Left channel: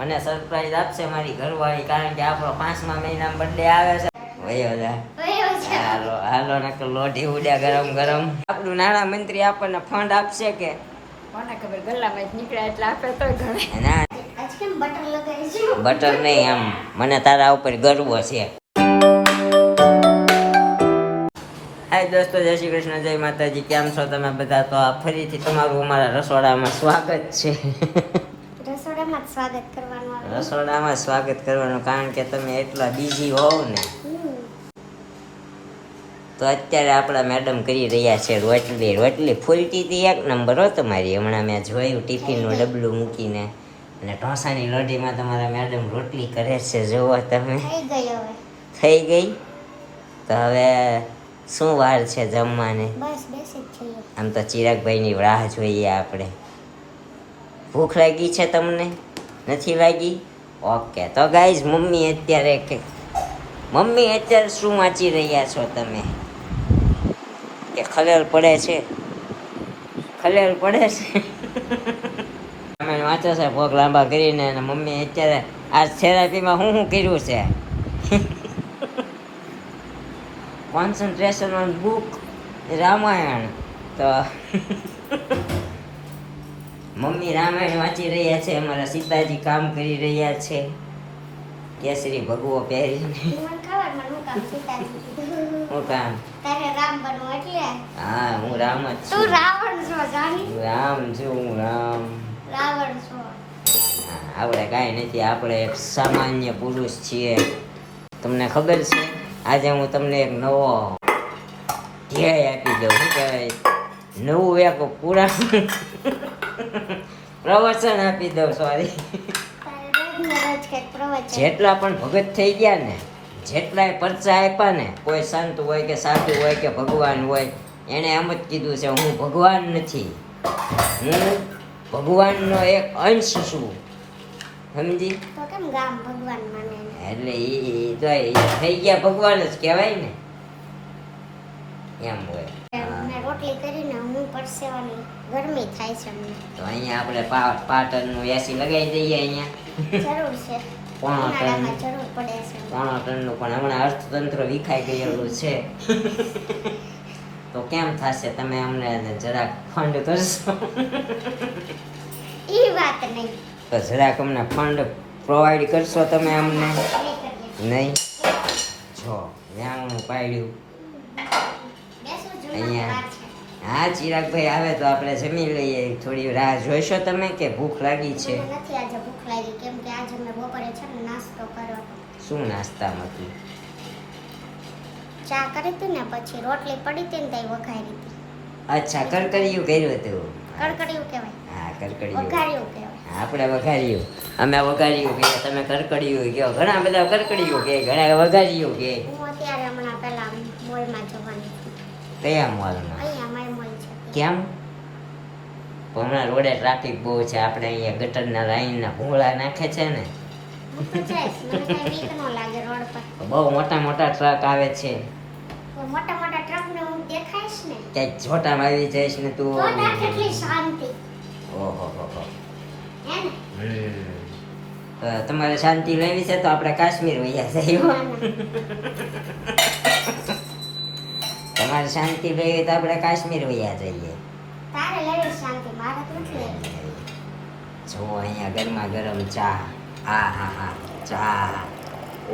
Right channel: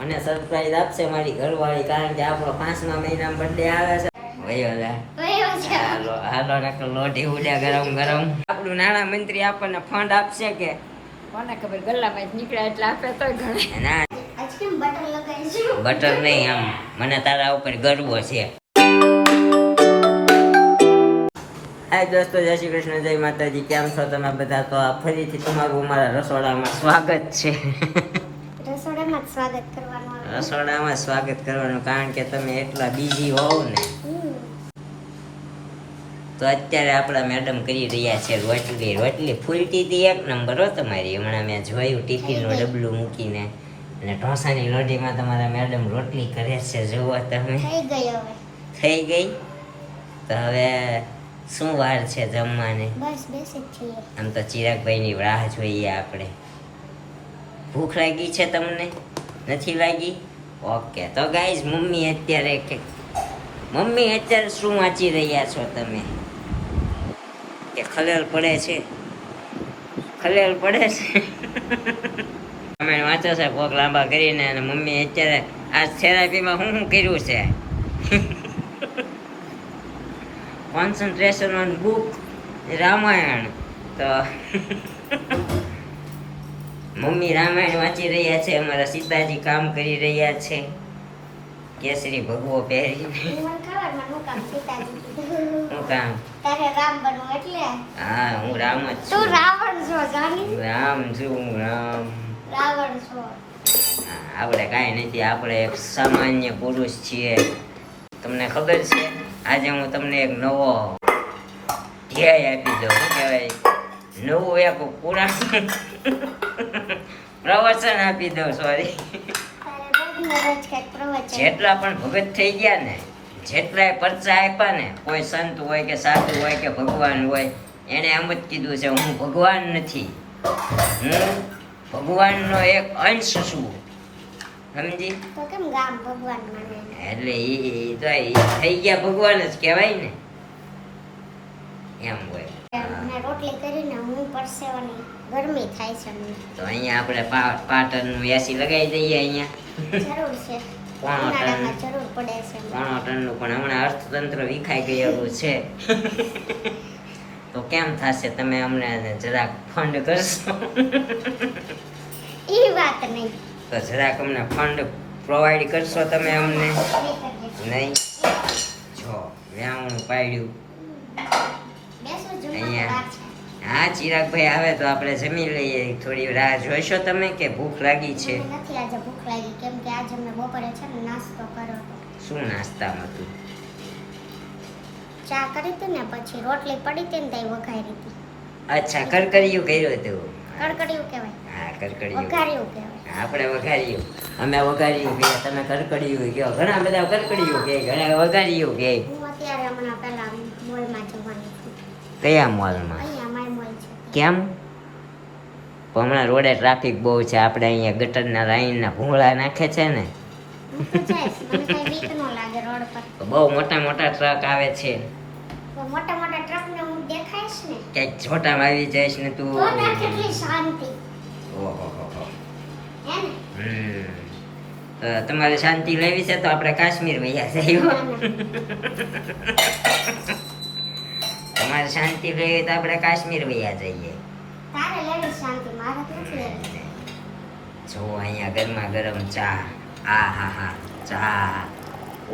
મને સરપ્રાઈઝ આપશે મારી ઘરવાળી, કારણ કે આપણો 5મા મહિનામાં બર્થડે આવે છે. વયો જા હાલો હાલો નકર લોઢી ઉડ્યા ગરમ ગરમ. આપણું નાણા મંત્રી આપણને ફંડ આપશે કે કોને ખબર, ગલ્લામાં નીકળ્યા એટલે આપે તો ઘણે. ના બટર નહીં, આમ મને તારા ઉપર ગર્વ છે. હાય દોસ્તો, જય શ્રી કૃષ્ણ, જય માતાજી. કેમ છો તમે બધા? તો આ ફરીથી તમારું અમારા રસોડામાં સ્વાગત છે. રસોડામાં સ્વાગત કરવાનું. રસોડામાં સ્વાગત કરવાનું કારણ કે તમે એટલા બીઝી હોવ ને. તો અત્યારે આપણા મેડમ કરી રહ્યા છે રોટલી ફૂલતી હતી એક નંબર હો તમારી. હમણાં મેં જોયું ટિફિનનું ડબલું મૂકીને, અને ઢોસાની લોઢીમાં તમારા મેડમ રોટલી કરે છે. જુઓ તમે, થઈ ગઈ. તો હવે શું વાર છે જમવાને? બસ બેસી છીએ. આમ તો ચિરાગભાઈની રાહ જોઈએ આપણે. ભૂખ લાગી છે તમને? નથી લાગી? ઓકે. તો ગાઈઝ, મમ્મી અત્યારે શું વાંચી રહ્યા છો તમે? કે ખલેલ પડે છે? ખલેલ પડે છે. તમે વાંચો છે પગ લાંબા કરીને, અને મમ્મી અત્યારે આ થેરાપીમાં શું કર્યું છે? Concentration on book Ramayan. તો મમ્મી રામાયણ વાંચી રહ્યા છે, અમારા સીતાજી કામ કરી રહ્યા છે કેસરી ભગવો પહેરીને. હું કામ? તારે રામ બનવું એટલે? હા, હું રામ જ છું. તું રાવણ છો જાની? રામ છું હું, રામ. રાવણ છો. આપણે કાંઈ નથી, આપણે એક સામાન્ય પુરુષ છીએ. તમને ખબર છે, આજે હું તમને એક નવો ધ્યેય આપી દઉં. શું કહેવાય, નવું એક પુરાણ પ્રવચન આપી દઉં. સોરી, જેટલા પણ ભગત થઈ ગયા ને, જેટલાય પરચા આપ્યા ને, કોઈ સંત હોય કે સાધુ હોય કે ભગવાન હોય, એને એમ જ કીધું છે, હું ભગવાન નથી, હું ભગવાનનો એક અંશ છું. સમજી? તો કેમ ગામ ભગવાન માને? એટલે ઈ તો થઈ ગયા ભગવાન જ કહેવાય ને, એમ હોય. મેં રોટલી કરીને હું પરસેવાની ગરમી થાય છે મને. તો અહીંયા આપણે પાટણનું એસી લગાવી દઈએ. અહીંયા જરૂર છે, ઉનાળામાં જરૂર પડે છે. પોણો ટનનું પણ હમણાં અર્થતંત્ર વિખાઈ ગયેલું છે. તો કેમ થશે? તમે અમને જરાક ફંડ કરશો? ઈ વાત નહીં. તો જરાક અમને ફંડ પ્રોવાઈડ કરશો તમે અમને? નહીં? જો વ્યામું પાડ્યું અહીંયા. હા, ચિરાગભાઈ આવે તો આપણે જમી લઈએ. થોડી રાહ જોઈશો તમે કે ભૂખ લાગી છે? નથી આજે ભૂખ લાગી, કેમ કે આજે મેં બપોરે છે ને નાસ્તો કર્યો હતો. શું નાસ્તામાં હતું? ચા કરી હતી ને, પછી રોટલી પડી હતી ને તઈ વઘારી હતી. અચ્છા, કરકરિયું કર્યું હતું. કડકડિયું કહેવાય. હા, કરકરિયું. વઘાર્યું કહેવાય. આપણે વઘાર્યું, અમે વઘાર્યું કહીએ, તમે કરકડિયું કહો. ઘણા બધા કરકડિયું કહે, ઘણા વઘાર્યું કહે. હું અત્યારે હમણાં પહેલા મોલમાં જવાની છું. કયા મોલમાં? અહીંયા માય મોલ છે. કેમ? પણ હમણાં રોડે ટ્રાફિક બહુ છે. આપણે અહીંયા ગટરના લાઈનના ભૂંગળા નાખે છે ને. હું તો જઈશ, મને કઈ બીક ન લાગે રોડ પર. બહુ મોટા મોટા ટ્રક આવે છે. તો મોટા મોટા ટ્રકને હું દેખાઈશ ને, ક્યાંક છોટામાં આવી જઈશ ને તું. તો ના કેટલી શાંતિ. ઓહો હો. હે ને? તમારે શાંતિ લેવી છે તો આપણે કાશ્મીર વયા જઈએ. તમારે શાંતિ લેવી તો આપણે કાશ્મીર વયા જઈએ. તારે લેવી શાંતિ, મારે તો નથી લેવી. જો અહીંયા ગરમા ગરમ ચા. આ હા હા, ચા.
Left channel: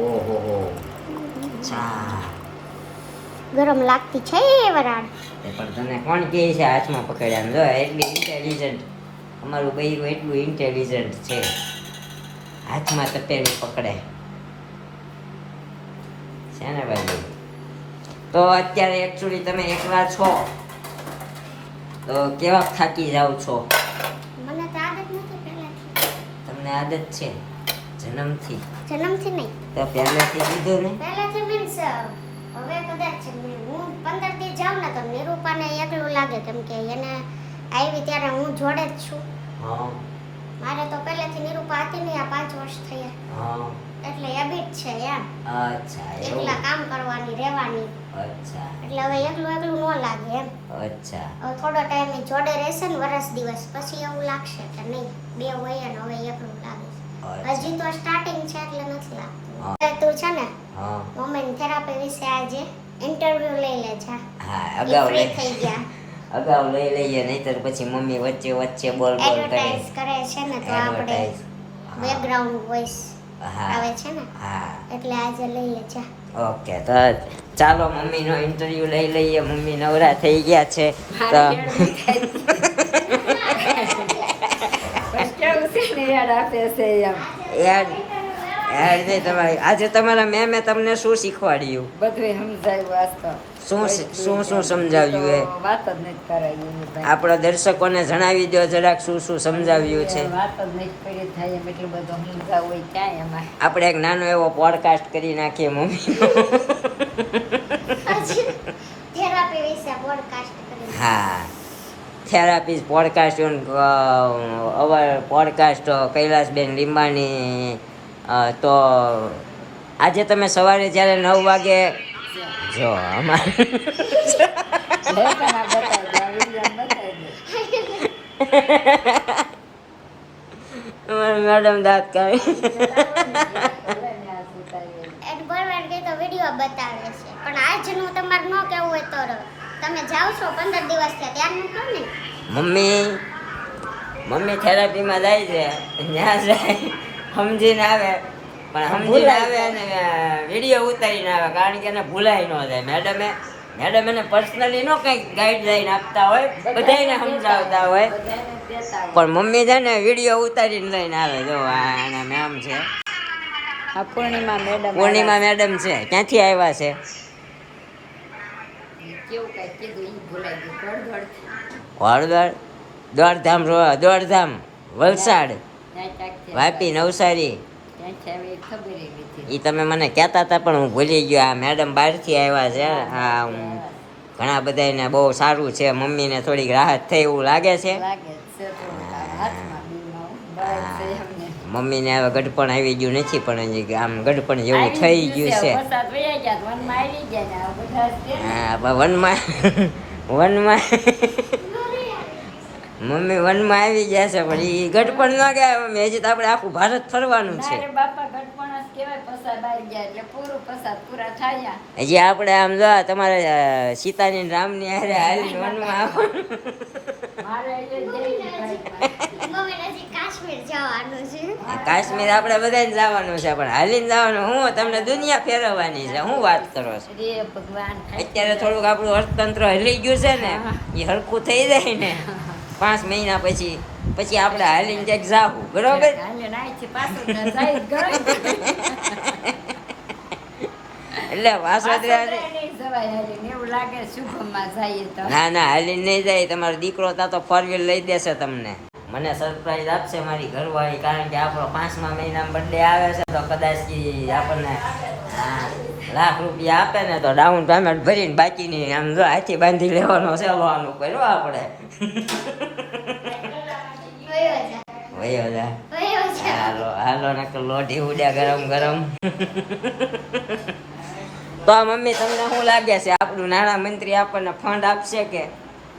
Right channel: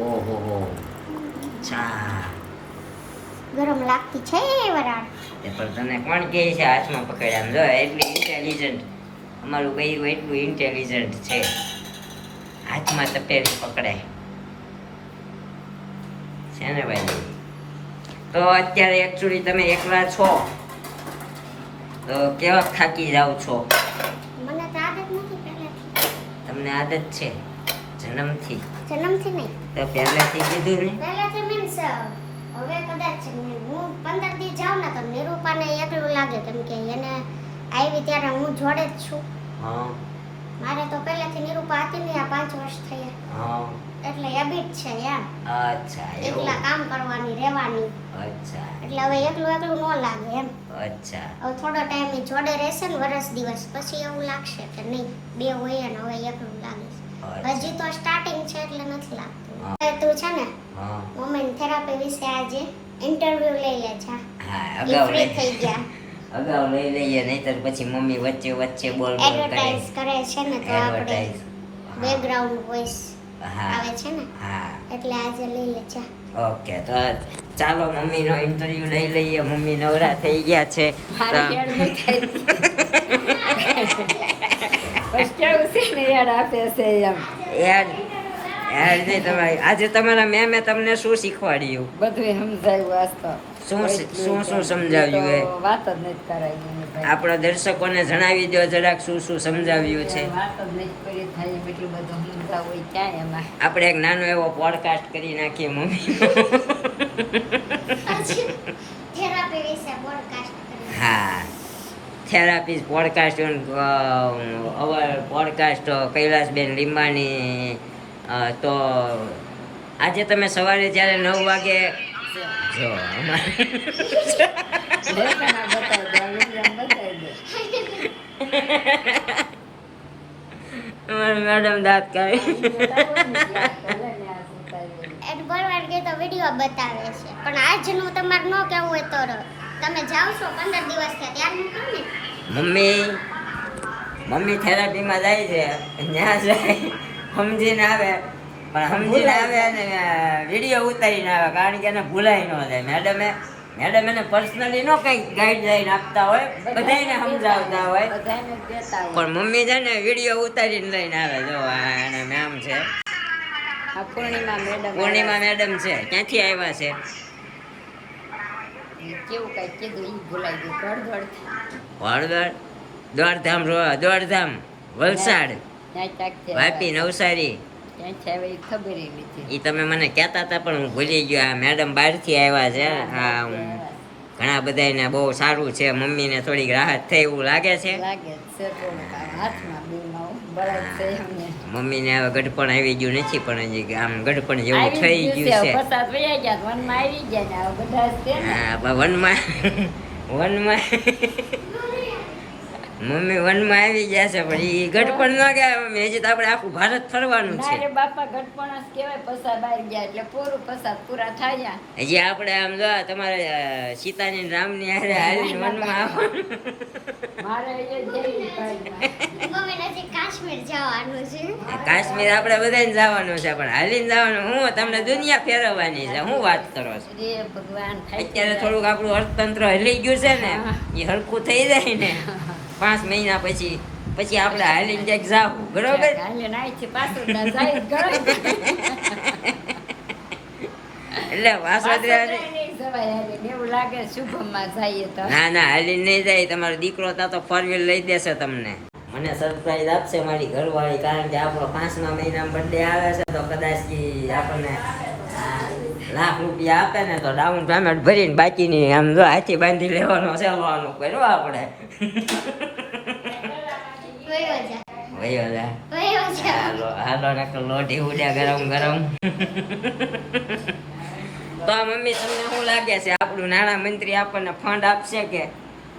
ઓહો હો, ચા ગરમ લાગતી છે એ વરાળ. પણ તને કોણ કહે છે હાથમાં પકડ્યા? જો એટલી ઇન્ટેલિજન્ટ અમારું બૈરું, એટલું ઇન્ટેલિજન્ટ છે. હાથમાં તપેલી પકડાય છે ને ભાઈ. તો અત્યારે એકચ્યુઅલી તમે એકલા છો તો કેવા થાકી જાવ છો? મને તો આદત નથી પહેલેથી. તમને આદત છે જન્મથી? જન્મથી નહીં, તો પહેલેથી કીધું ને. પહેલેથી મીન્સ હવે કદાચ હું 15 દી જાઉં ને તો નિરૂપાને એકલું લાગે, કેમ કે એને આવી ત્યારે હું જોડે જ છું. હા, મારે તો પહેલેથી નિરૂપા હતી ને, આ 5 વર્ષ થયા, હા. એટલે હેબિટ છે એમ. અચ્છા, એકલા કામ કરવાની, રહેવાની. અચ્છા, એટલે હવે એકલું એકલું ન લાગે એમ. અચ્છા. હવે થોડો ટાઈમ જોડે રહેશે ને, વર્ષ દિવસ પછી એવું લાગશે કે નહીં બે હોય ને હવે એકલું લાગે છે. હજી તો સ્ટાર્ટિંગ છે એટલે નથી હા. લાગતું. હવે તું છે ને હા વુમેન થેરાપી વિશે આજે ઇન્ટરવ્યુ લઈ લે છે. હા એ અગાઉ ફ્રી લઈ થઈ ગયા. અગાઉ લઈ લઈએ નહીતર પછી મમ્મી વચ્ચે વચ્ચે બોલ બોલ કરે એડવર્ટાઇઝ કરે છે ને તો આપણે એડવર્ટાઇઝ બેકગ્રાઉન્ડ વોઇસ હા આવે છે ને હા એટલે આજે લઈ લે છે. ઓકે તો ચાલો મમ્મીનો ઇન્ટરવ્યુ લઈ લઈએ. મમ્મી નવરા થઈ ગયા છે તો મારી યાદ નહીં થાય. બસ કેવું છે ને યાદ આપે છે એમ. યાર યાર નહીં તમારી આજે તમારા મેમે તમને શું શીખવાડ્યું? બધું સમજાયું આજ તો. શું એટલું શું કે શું સમજાવ્યું એ? તો વાત જ નથી કરાવી ભાઈ. આપણા દર્શકોને જણાવી દો જરાક શું શું સમજાવ્યું છે. વાત જ નથી કરી થાય એમ એટલું બધું સમજાવવું હોય ક્યાં એમાં. આપણે એક નાનો એવો પોડકાસ્ટ કરી નાખીએ મમ્મી. થેરાપી વિશે પોડકાસ્ટ કરીએ. હા થેરાપી પોડકાસ્ટ અવર પોડકાસ્ટ કૈલાસબેન લીંબાણી તો આજે તમે સવારે જ્યારે 9 વાગે જો અમારે લેખામાં બતાવી દે, આ વિડીયોમાં બતાવી દે. અમારે મેડમ દાંત કાઢે. એડ બરાબર કે તો વિડિયો બતાવે છે પણ આજનું તમારે ન કેવું હોય તો તમે જાવ છો 15 દિવસ છે ત્યાં મૂકો ને. મમ્મી થેરાપીમાં જાય છે ત્યાં જાય સમજીને આવે પણ સમજીને આવે અને વિડીયો ઉતારીને આવે કારણ કે એને ભૂલાય ન જાય. મેડમ એને પર્સનલી ન કંઈક ગાઈડલાઈન આપતા હોય બધાને સમજાવતા હોય બધાને દેતા હોય. પણ મમ્મી છે ને વિડીયો ઉતારીને લઈને આવે. જો આ એના નામ છે આ પૂર્ણિમા મેડમ. પૂર્ણિમા મેડમ છે. ક્યાંથી આવ્યા છે? કેવું કઈ કીધું ઈ ભૂલાઈ ગયું. હળદર દોડધામ વલસાડ ત્યાં ક્યાંક છે. વાપી નવસારી ત્યાં છે હવે ઈ ખબર ય નથી. એ તમે મને કહેતા હતા પણ હું ભૂલી ગયો. આ મેડમ બહારથી આવ્યા છે. આ ઘણા બધાને બહુ સારું છે. મમ્મીને થોડીક રાહત થઈ એવું લાગે છે. લાગે છે થોડુંક આમ હાથમાં બીમાં બરાબર છે એમને. મમ્મીને હવે ગઢપણ આવી ગયું નથી પણ હજી આમ ગઢપણ જેવું આવી થઈ જ ગયું છે. પસાર વયા ગયા વનમાં આવી ગયા ને હવે બધા જ છે ને. હા પણ વનમાં મમ્મી વનમાં આવી ગયા છે પણ એ ગઢપણ ન ગયા મમ્મી. હજી તો આપણે આખું ભારત ફરવાનું ના છે. રે બાપા ગઢપણ જ કહેવાય પસાર બહાર ગયા એટલે પૂરું પસાર પૂરા થયા. હજી આપણે આમ જો તમારે સીતાની ને રામની હારે હાલીને વનમાં આવવાનું. મારે એ જઈ ભાઈ. મમ્મી નજીક કાશ્મીર જવાનું છે. કાશ્મીર આપણે બધાને જવાનું છે પણ હાલીને જવાનું હું તમને દુનિયા ફેરવવાની છે. હું વાત કરો છો? રે ભગવાન થાય અત્યારે થોડુંક આપણું અર્થતંત્ર હલી ગયું છે ને એ હરખું થઈ જાય ને 5 મહિના પછી આપણે હાલીને ક્યાંક જાવું બરોબર. હાલે નાઈ છે પાછું ના જાય ગળો એટલે વાસોદરા નહીં જવાય હાલે એવું લાગે શુભમમાં જઈએ તો. ના હાલીને નહીં જાય. તમારો દીકરો તા તો 4 વ્હીલ લઈ દેશે તમને. મને સરપ્રાઈઝ આપશે મારી ઘરવાળી કારણ કે આપણો 5મા મહિનામાં બર્થડે આવે છે તો કદાચ ઈ આપણને લાખ રૂપિયા આપે ને તો ડાઉન પેમેન્ટ ભરીને બાકીની આમ જો હાથી બાંધી લેવાનો છે લોન ઉપર હો આપણે. વયો જા વયો જા વયો જા. હાલો ને લોઢી ઉડ્યા ગરમ ગરમ. તો મમ્મી તમને શું લાગે છે આપણું નાણાં મંત્રી આપણને ફંડ આપશે કે?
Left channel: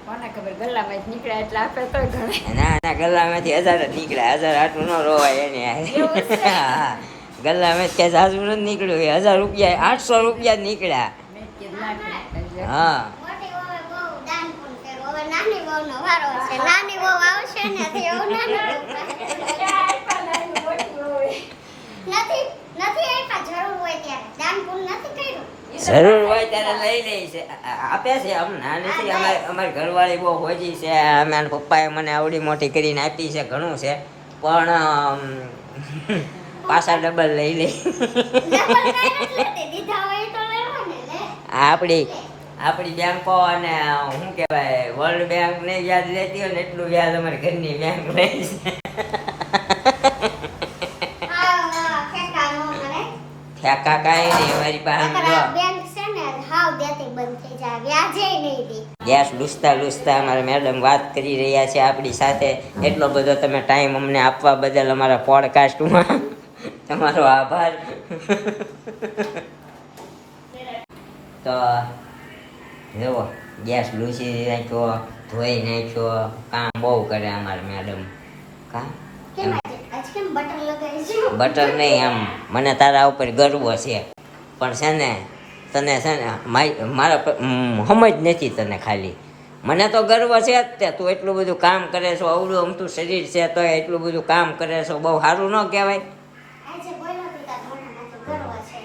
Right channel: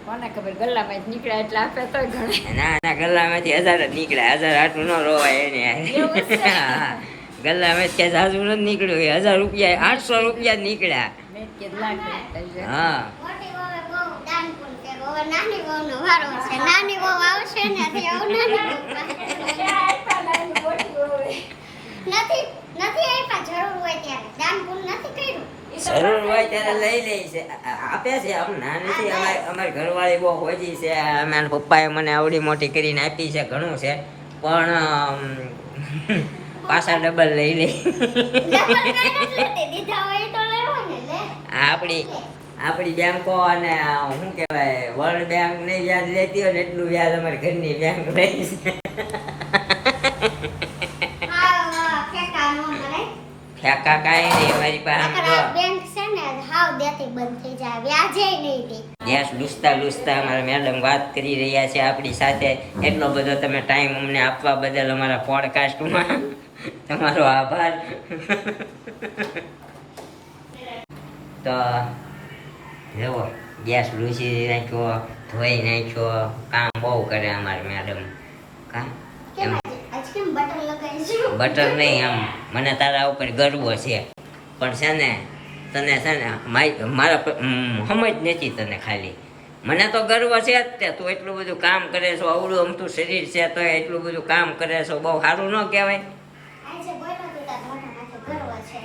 કોને ખબર ગલ્લામાં જ નીકળ્યા એટલે આપે તો ઘણે. ના ગલ્લામાંથી 1000 જ નીકળ્યા. 1000 આટલું ન રોવાય એને. હા ગલ્લામાં ક્યાંય સાસુ નથી નીકળ્યું. 1000 રૂપિયા 800 રૂપિયા જ નીકળ્યા. મેં કીધું લાખ રૂપિયા. હા મોટી વહુએ બહુ દાન પુણ્ય કર્યું. હવે નાની વહુનો વારો છે. નાની વહુ આવશે ને તે હવે નાની વહુ નથી આપ્યા. જરૂર હોય ત્યારે દાન પુણ્ય નથી કર્યું. જરૂર હોય ત્યારે લઈ લે છે. આપે છે આમ ના નથી. અમારી ઘરવાળી બહુ હોજી છે. અમારા પપ્પાએ મને આવડી મોટી કરીને આપી છે. ઘણું છે પણ પાછા ડબલ લઈ લે. ડબલ કાંઈ નથી લેતી. દીધા હોય તો લેવો ને લે. આપણી બેંકો અને શું કહેવાય વર્લ્ડ બેંક ને વ્યાજ લેતી હોય ને એટલું વ્યાજ અમારી ઘરની બેંક લે છે. હા ફેંકા ન કરે. ફેંકા કાંઈ નહીં અમારી પાસે. આમ જો બેંક છે ને હાવ દેતી બંધ થઈ જાય. વ્યાજે નહીં દે. ગેસ લૂસતા અમારા મેડમ વાત કરી રહ્યા છે આપણી સાથે. એટલો બધો તમે ટાઈમ અમને આપવા બદલ અમારા પોડકાસ્ટમાં તમારો આભાર. તો જુઓ ગેસ લૂસી નાખ્યો, ધોઈ નાખ્યો, કામ બહુ કરે અમારે મેડમ. કામ કેમ આજ કેમ બટન લગાવી બટર નહીં, આમ મને તારા ઉપર ગર્વ છે, પણ છે ને તને છે ને મારા સમજ નથી તને. ખાલી મને તો ગર્વ છે જ તે, તું એટલું બધું કામ કરે છો, અવળું અમથું શરીર છે તો એટલું બધું કામ કરે છો, બહુ સારું ન કહેવાય? આજે બોલ્યો તું તાર મોઢામાં તો ગર્વ છે.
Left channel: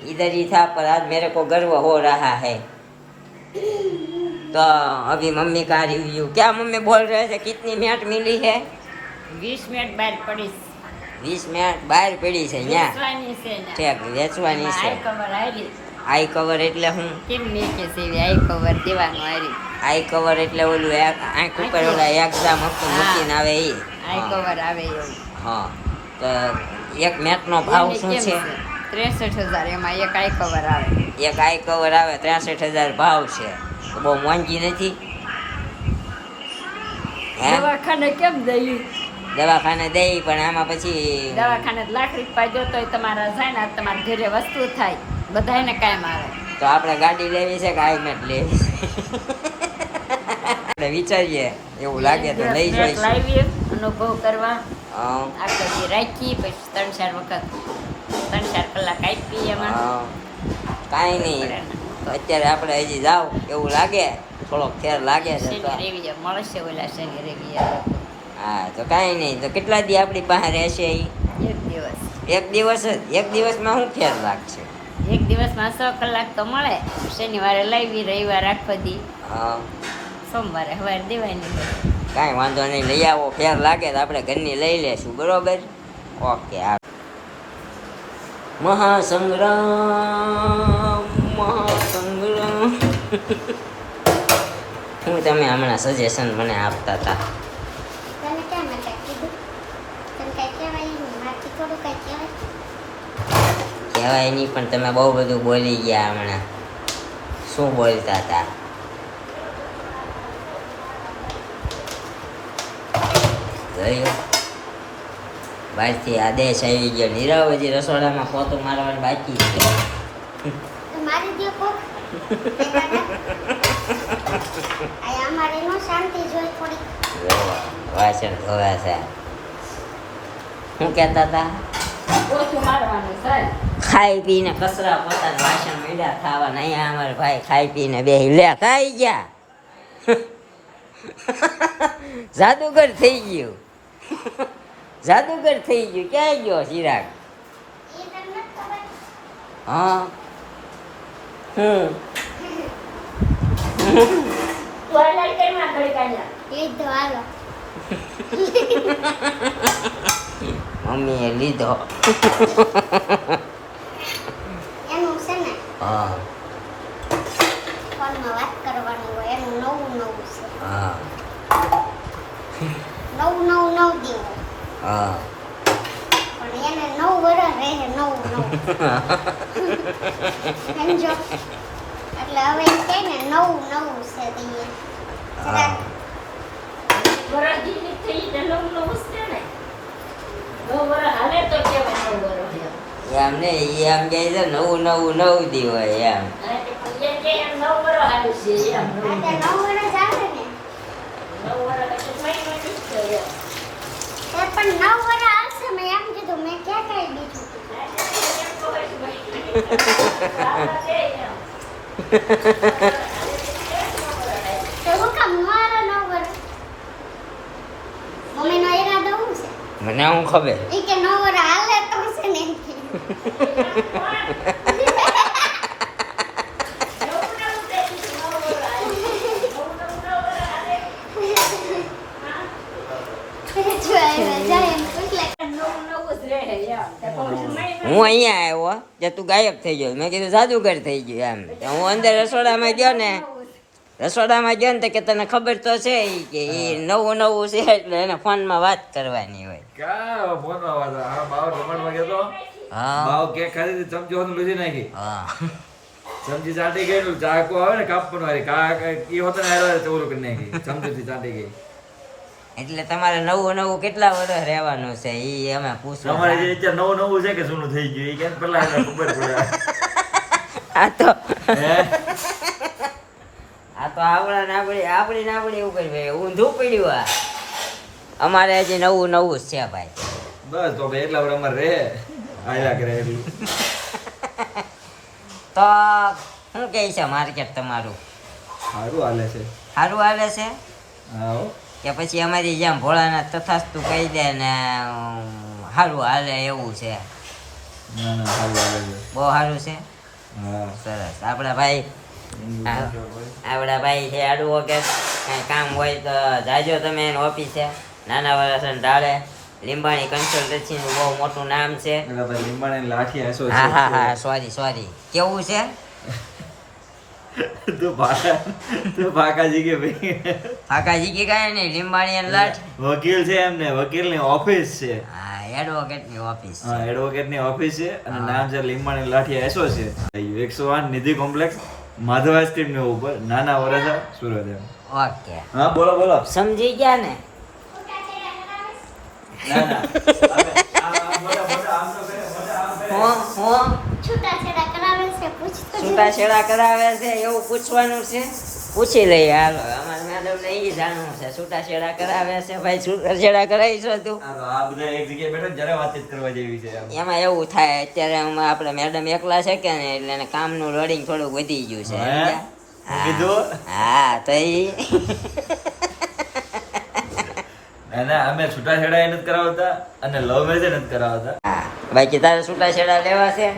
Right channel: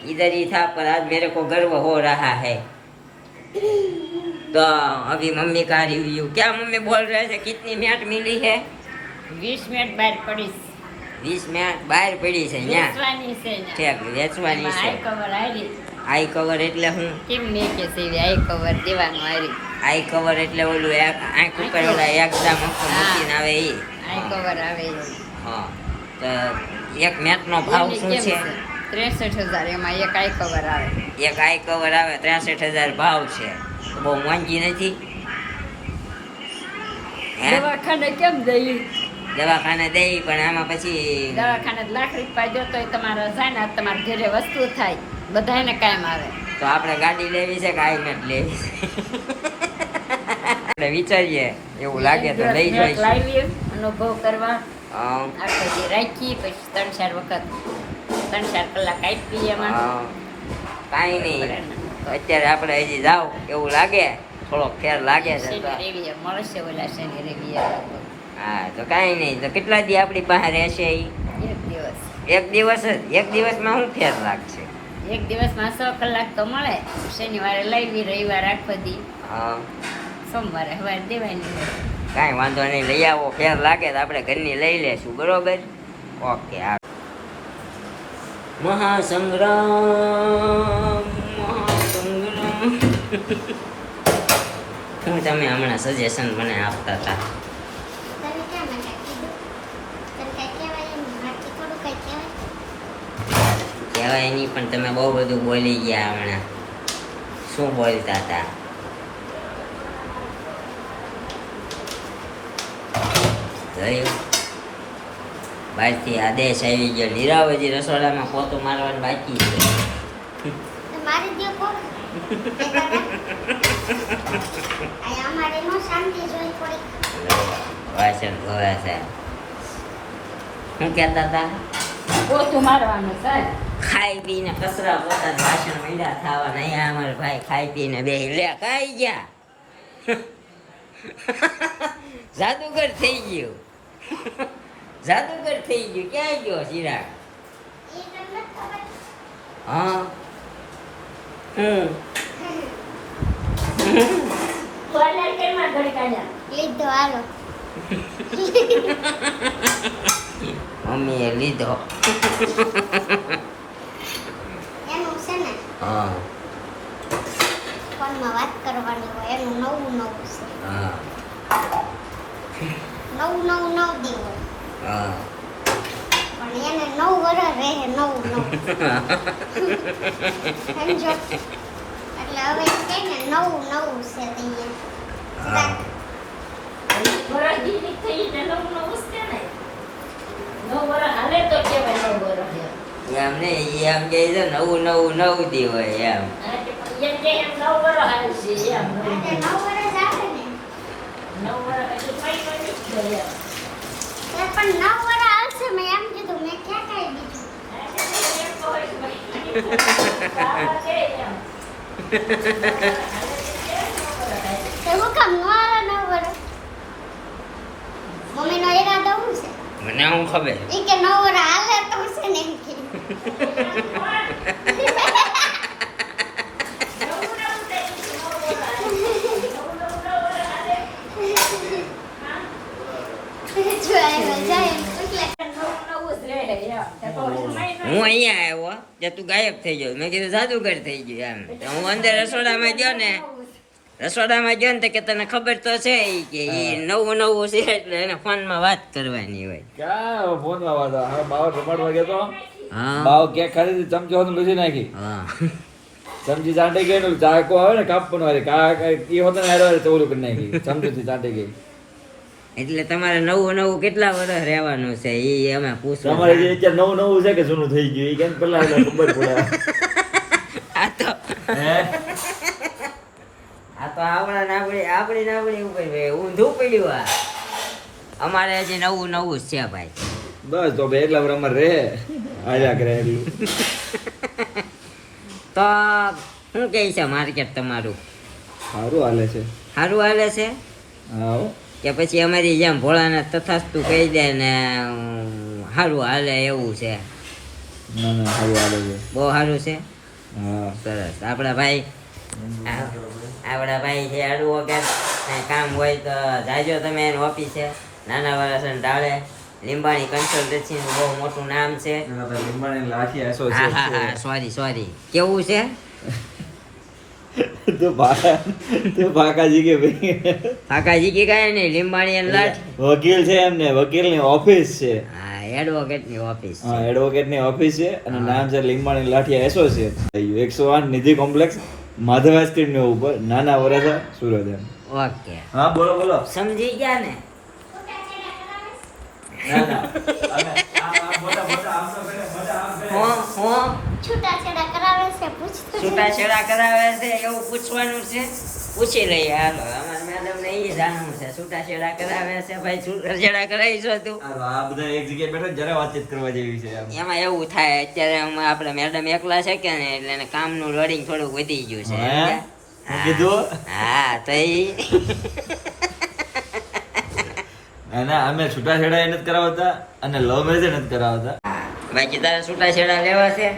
इधर ही था पर आज मेरे को गर्व हो रहा है. तो अभी मम्मी का रिव्यू, क्या मम्मी बोल रहे थे, कितनी मिनट मिली है? 20 મિનિટ બહાર પડીશ 20 મિનિટ બહાર પડી છે ત્યાં. વેચવાની છે ને. ઠેક વેચવાની છે. આઈ કવર આરી આઈ કવર એટલે હું? કેમ ને કે સેવી આઈ કવર દેવાનું આરી આઈ કવર એટલે ઓલું આંખ ઉપર ઓલા એકદમ આખું મૂકીને આવે એ. આઈ કવર આવે એવું. હા, તો એક મેટનો ભાવ શું છે? 63,000 એમાં એક આઈ કવર આવે. એક આઈ કવર આવે 63,000 ભાવ છે, તો બહુ મોંઘી નથી હે? દવાખાને કેમ દઈ? દવાખાને દઈ પણ આમાં પછી દવાખાને લાખ રૂપિયા જોતો હોય તમારા જાય ને તમારા ઘરે વસ્તુ થાય, બધાને કાયમ આવે. તો આપણે ગાડી લેવી છે કે આઈ મેટ લેવી છે? આપણે વિચારીએ, એવું લાગે તો લઈ જઈશું. લાવી અનુભવ કરવા હા, આખો દી રાખી પછી 3-4 વખત 3-4 કલાક આપી એમાં. હા. કાંઈ નહીં, અત્યારે આપણે હજી જાવ એવું લાગે, થોડોક ફેર લાગે છે તો શનિ મળશે ઓલા શનિ રવિ હા, તો કાંઈ નહીં. તો કેટલા દી આપણી પાસે રહેશે ઈ? એક દિવસ. એક દિવસ જ? એક દિવસમાં શું ફેર લાગશે? એક દિવસમાં 6 કલાક તો મળે. શનિવારે લાવી, રવિવાર આખો દી, હા, સોમવારે સવારે દેવાની હોય. કાંઈ વાંધો નહીં, લઈ આવો. ફેર લાગે તો આપણે ઘરની લઈ લેશું, બરોબર? ઓકે. હા, મહાસંગ્રામ મહાસંગ્રામ. હું તમે હમણાં સજેશન મને આપતા હતા. તને કેમ એટલે કીધું? તને કઈ કહેવાય નહીં, મારથી થોડું કઈ કહેવાય. કહેવાય નહીં, પણ તમે બહુ બધું બોલી ગયા હમણાં. શું બોલતા હતા? જોયું? બહારથી આદેશ આવી ગયો, લીરાવજી રસોડામાં પોતું મારવાનું બાકી છે. તો મારી દ્યો કોક. આ અમારે નો શાંતિ જોઈ થોડીક. વાસણ ધોવા છે. શું કહેતા હતા? પોતું મારવાનું ચાલ. ખાઈ પીને કચરા પોતા વાસણ મીડા ખાવા. અહીંયા અમારા ભાઈ ખાઈ પીને બેહી લે ખાઈ ગયા. જાદુગર થઈ ગયું. જાદુગર થઈ ગયું. ક્યાં ગયો ચિરાગ? ઈ તમને નથી ખબર. હા, ટોયલેટ કેમાં ગળકાયા? લીધો હાલો. મમ્મીએ લીધો. એનું છે ને હા, ફોનમાં વાત કરવાની હોય, એનું નવું છે. હા, નવ દી હોય, હા. પણ એને 9 વર્ષ રહે. નવું સમજો. એટલે હવે છે ને નવું છે અહીંયા. હા. વરા દીદી થઈ એટલે નવું વસ્તે ને. 9 વરા હાલે તો કેવાય 9 વરા. એમ ને એમ કહે છે નવું દી હોય એમ. એમ કે એમ 9 વરા હાલે છે એમ. એટલે 9 વર્ષ આવે ને. 9 વરા કશું કઈ નથી છે એમ. એ પણ 9 વર્ષ આવશે, મેં એમ કીધું. મેં ક્યાં કહી દીધું? તો હું કામ નો આલો 9 વર્ષ? મમ્મીનો ઈરાદો શું છે? મને હું ખબર. ઈ કે 9 વર્ષ હાલે તો છે ને એમ કે. જો આવ્યા જાય એટલે હું અહીંયા આવ્યો તે તું ગાયબ થઈ ગયો. મેં કીધું જાદુગર થઈ ગયું એમ. તો હું અંદર રસોડામાં ગયો ને તો કે તને ખબર તો છે ઈ કે ઈ નવું છે એટલે એને ફોનમાં વાત કરવાની હોય. ક્યાં ફોનમાં વાત આવે? આ બાવ રમાડવા ગયો તો હા, બાવ ક્યાં ખાલી ચમચો હોતો લૂછી નાખી. હા. ચમચી ચાટી ગઈ નું ચાકો આવે ને કાપવાનું વાળી એ હોતો ને હારે ચોરું કરી નાખી. ચમચીથી ચાટી ગઈ. એટલે તમારે નવું કેટલા વર્ષ રહેવાનું છે ઈ અમે પૂછવા. તમારે જે અત્યારે નવું છે કે જૂનું થઈ ગયું એ કેમ પેલા એટલે ખબર પડે. આ તો હે? આપણી ઉપર ઊંધું પડ્યું. આ અમારે હજી નવું જ છે ભાઈ. બસ તો ભાઈ એટલા બરાબર રહે આવ્યા કરે એટલું. તો શું કહે છે માર્કેટ તમારું? સારું હાલે છે. સારું હાલે છે હા હો. કે પછી અમારી જેમ ભોળાનાથ તથાસ્તુ કહી દે ને સારું હાલે એવું છે? ના ના સારું હાલે છે. બહુ સારું છે. હા સરસ. આપણા ભાઈ છે એડવોકેટ. કાંઈ કામ હોય તો જાજો તમે એની ઓફિસે. નાના વરસન ઢાળે લીંબાણી કન્સલ્ટન્સીનું બહુ મોટું નામ છે. એના પર લીંબાણી લાઠી હા એસોસિએટ હા હા સોરી કેવું છે? છે. તું ભાકાજી કે ભાઈ કાકાજી કે કાંઈ નહીં, લીંબાણી અને લાઠ. વકીલ છે એમને, વકીલની ઓફિસ છે. હા એડવોકેટની ઓફિસ છે. હા એડવોકેટની ઓફિસ છે અને નામ છે લીંબાણી લાઠી એસોસિએટ. 108 નિધિ કોમ્પ્લેક્સ માધવા સ્ટ્રીટ ની ઉપર, નાના વરાછા, સુરત એમ. ઓકે હા બોલો બોલો. સમજી ગયા ને? ના ના હું છૂટાછેડા કરાવે છે પૂછતો જ છૂટાછેડા કરાવે છે એવું પૂછવાનું છે? પૂછી લઈએ હાલો. અમારા મેડમ ને ઈ જાણવું છે છૂટાછેડા કરાવે છે ભાઈ. છૂટાછેડા કરાવીશો તું? આ બધા એક જગ્યાએ બેઠા જરા વાતચીત કરવા જેવી છે એમ. એમાં એવું થાય અત્યારે આપણે મેડમ એકલા છે કે ને એટલે એને કામનું લોડિંગ થોડુંક વધી ગયું છે. હે? હા. કીધું? હા તો ઈ ના ના અમે છૂટાછેડા નથી કરાવતા અને લવ મેરેજ નથી કરાવતા. હા. બાકી તારે છૂટાછેડા લેવા છે?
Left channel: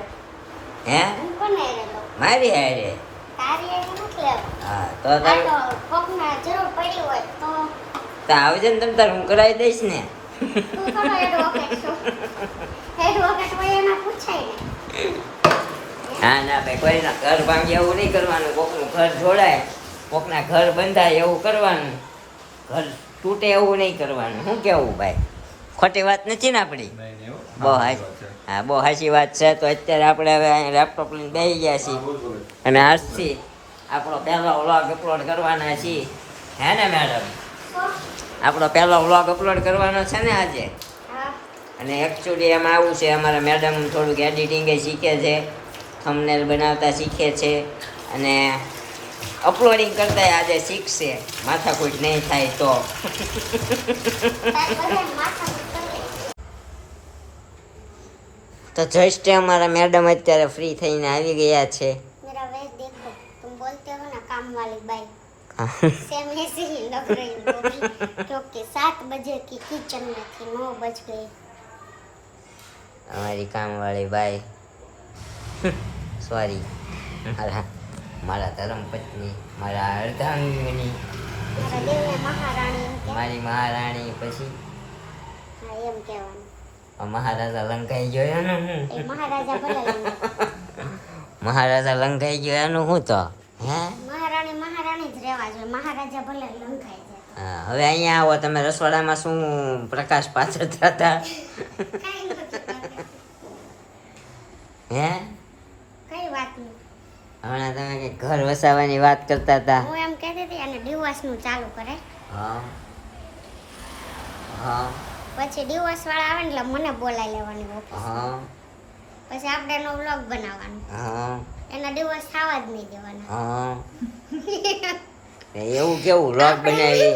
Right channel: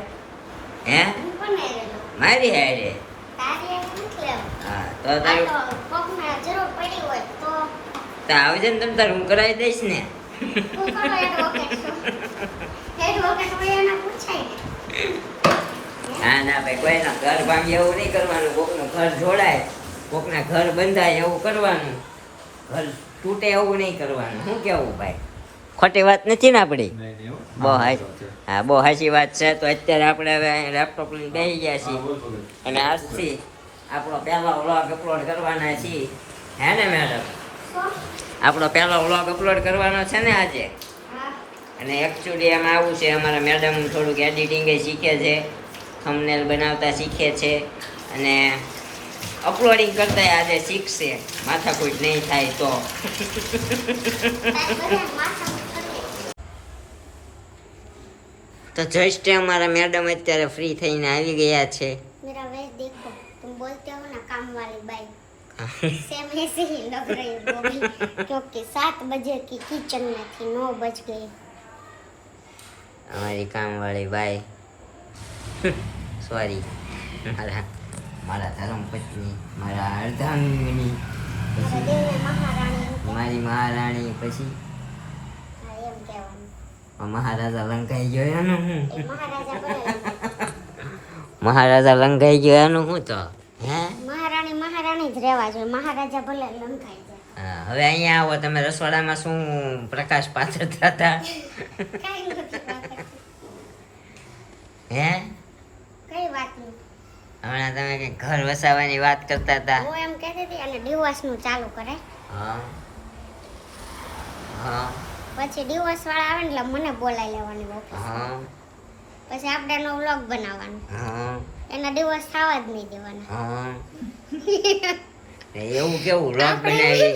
હે? કોને રેલો મારી હારે? તારી એક નથી લેવો. હા તો આ તારું તો કોકને જરૂર પડી હોય તો તો આવજે ને તમ તાર હું કરાવી દઈશ ને. તું કરો એડવોકેટ છો. એડવોકેટ હોય એના પૂછાય ને. ના ના ભાઈ કોઈના ઘર ભાંગે એવું નહીં કરવાનું. કોકનું ઘર જોડાય, કોકના ઘર બંધાય એવું કરવાનું. ઘર તૂટે એવું નહીં કરવાનું. શું કેવું ભાઈ? ખોટી વાત નથી ને આપણી? નહીં નહીં હો. બહુ હાચી. હા બહુ સાચી વાત છે. તો અત્યારે આપણે હવે અહીં લેપટોપ લઈને બેસી ગયા છીએ અને આજથી આપણો પહેલો વ્લોગ અપલોડ કરવાના છીએ. હે ને મેડમ? આપણો પહેલો વ્લોગ અપલોડ કરવાનો છે ને આજે. હા અને એકચ્યુઅલી એમાં આવું છે, અમારા મેડમ થોડુંક એડિટિંગ શીખે છે, થંબનેલ બનાવતા શીખે છે અને અપલોડિંગ કરતા આજે શીખશે. માથાકૂટ નહીં થાય તો. તારે બધા માથા કરી તો જસ્ટ અમારા મેડમ અત્યારે ફ્રી થઈને આવી ગયા છે. मेरा वेश देखो, तुम बोलते हो ना काम वाली बाई, सेम ऐसे ही लग रही वो भी, क्योंकि 7 बजे की किचन में थी, 9 बज गए. અમારી કામવાળી બાઈ સોરી મારા ધર્મપત્ની, મારા અર્ધાંગની, दिल में महारानी, મારી મહારાણી. પછી हाँ, एम कहेवानुं. મહારાજા લંકાઈ ગયો એનું હું? એ મહારાજા ભલે મહારાજા લંકાઈ ગયો એનું હું તો? હે મહારાણી મહારાણી જ રહેવા જોઈએ, મહારાજા ભલે લંકાઈ જાય. હા, હવે અહીંયા આવો. તમે રસોડામાં શું પ્રકાશ પાથરતા હતા? કાંઈ નથી કરતા. હે કઈ વાતનું? હમણાં તમે કઈ ઘર વસાવવાની વાત કરતા હતા. હું એમ કહેતી હતી અને ડિવોર્સનું ચાલુ કરે, હા હા પછી ડિવોર્સ વાળા આવે ને એટલે મને બોલાવી લેવાની ઓફિસ, હા પછી આપણે એનો વ્લોગ બનાવવાનો, હા એના ડિવોર્સ થવા જ નહીં દેવાના. હા એવું કેવું લોક બનાવી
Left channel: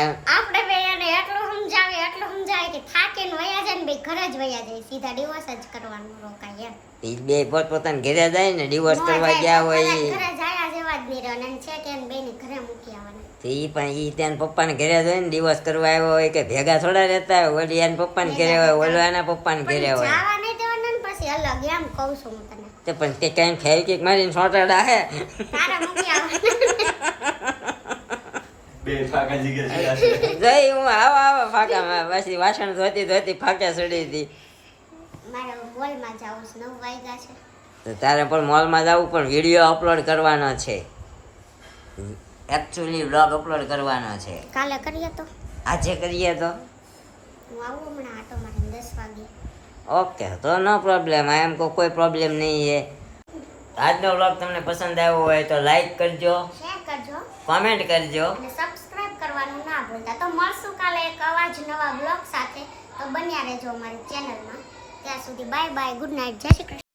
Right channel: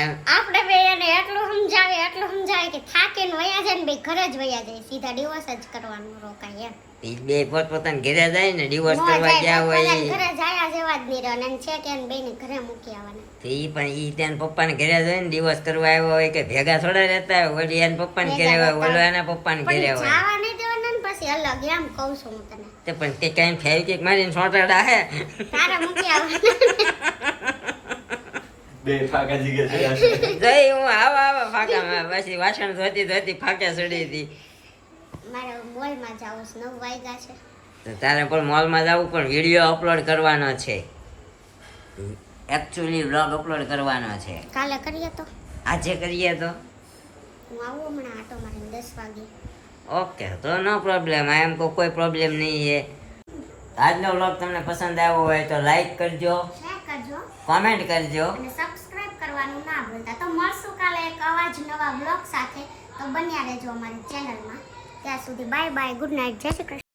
એમ? આપણે બે એને એટલું સમજાવે કે થાકીને વયા જાય ને બે ઘરે જ વયા જાય, સીધા ડિવોર્સ જ કરવાનું રોકાય એમ. ઈ બે પોતપોતાના ઘરે જાય ને ડિવોર્સ ન કરવા જાય ગયા તો હોય કદાચ ઈ. ઘરે જાય જેવા જ નહીં રહે અને છે કે એને બેને ઘરે મૂકી આવવાના. તો ઈ પણ ઈ ત્યાં પપ્પાને ઘરે જાય ને ડિવોર્સ કરવા આવ્યો હોય કે ભેગા થોડા રહેતા હોય? ઓલી એના પપ્પાને ઘરે હોય, ઓલો એના પપ્પાને પણ ઘરે હોય. જવા નહીં દેવાના ને પછી અલગ એમ કહું છું હું તને. તે પણ કે કઈ ફેવિકિક મારીને સોટાડા હે તારે મૂકી આવવાના. બે ફાકાજી કે છે. જઈ હું આવા ફાકા પછી વાસણ ધોતી ફાકા ચડી હતી. મારે મોલમાં જવું છે, 9 વાગ્યા છે. તો તારે પણ મોલમાં જવું, પણ વિડીયો અપલોડ કરવાનો છે. એકચ્યુઅલી વ્લોગ અપલોડ કરવાનો છે. કાલે કરીએ તો આજે કરીએ તો હું આવું હમણાં આટો મારીને 10 વાગે. ઓકે, તો નો પ્રોબ્લેમ. આ એમ કોઈ પ્રોબ્લેમ નહીં છે. આજનો વ્લોગ તમને પસંદ આવ્યો હોય તો લાઈક કરજો, શેર કરજો કોમેન્ટ કરજો. અને સબસ્ક્રાઇબ કરવાનું ના ભૂલતા. તો મળશું કાલે એક આવા જ નવા બ્લોગ સાથે. તો બન્યા રહેજો અમારી ચેનલમાં. ત્યાં સુધી બાય બાય, ગુડ નાઇટ, જય શ્રી કૃષ્ણ.